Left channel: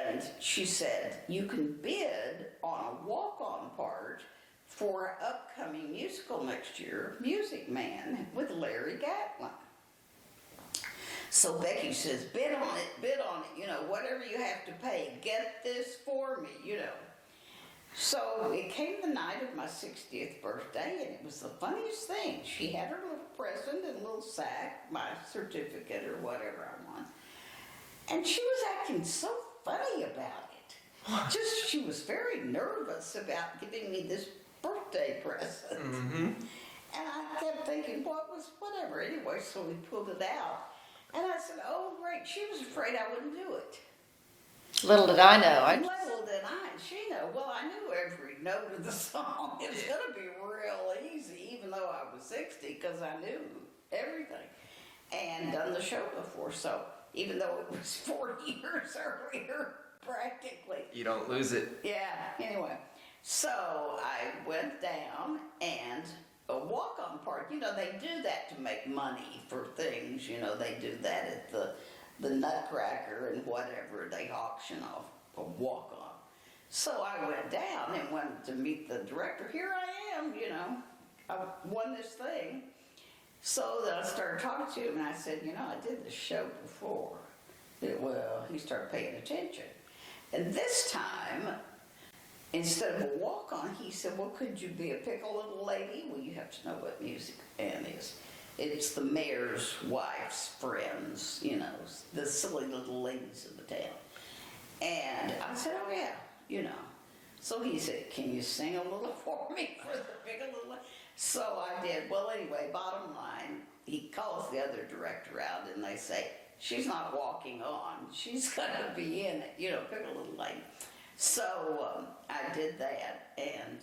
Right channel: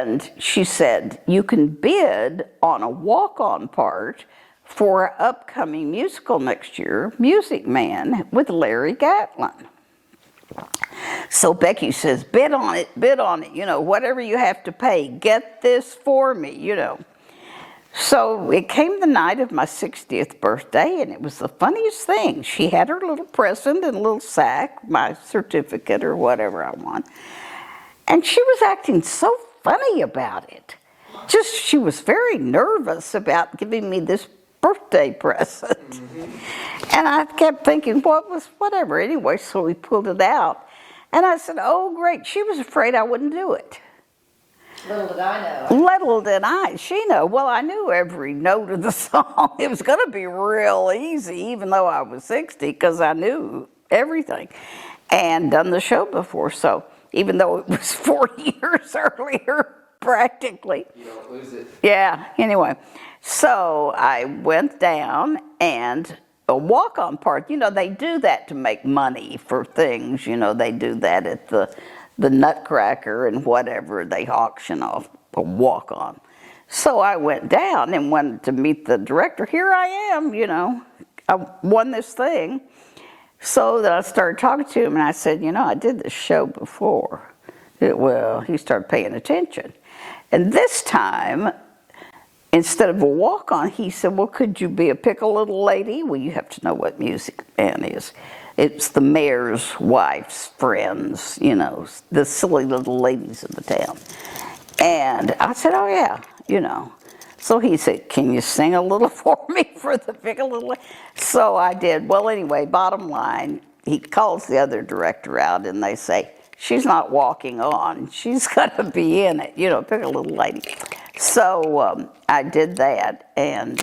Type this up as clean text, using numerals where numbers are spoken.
And she said, you can bid on a walk-on part for an upcoming musical next year, Music Man with Larry Gatlin. So Becky says, bid on it, you know, whatever you have to pay, get this for me, you know. So it came the night of my 60th birthday, and it was the funniest thing. She had her little present in a little sack, my certificate or whatever I want. And she was acting so funny about it. Just, she was very nervous about giving me this birthday present. And I kept thinking, whatever. Anyway, so we pulled it out. And I said, oh, great. She was afraid I wouldn't do it. Little did I know. Little did she know. Well, I knew every note of the song. It was going to be real easy, even though I was 60, because I knew everything and done the show before. So even though it was 40 years earlier, practically. You don't lose it. Yeah, anyway. So I went down, and a walk-on part, you know, they do that to make money for things. You know, they do that at the Nutcracker and whatever, they auction off a walk-on. So I went down and wanted to meet the director. Here I am, you know, I won this thing. So then I started talking to him, and I said, you know, I did this show before. Well, he started paying attention. And this time, instead of a walk-on, he said, well, could you be a pickle little lady? Well, you have to know what Music Man is. It's the mayor's wife's friends, you know, the silly little ladies of the town. And I said, oh, yeah, you know. So he said, can you sing a little for me for the pickle little lady? So I did. Well, anyway, bottom line, he calls the other director out, and they say, she's not walking on. She's got to be in it, you know, pick a little lady. So I did that, and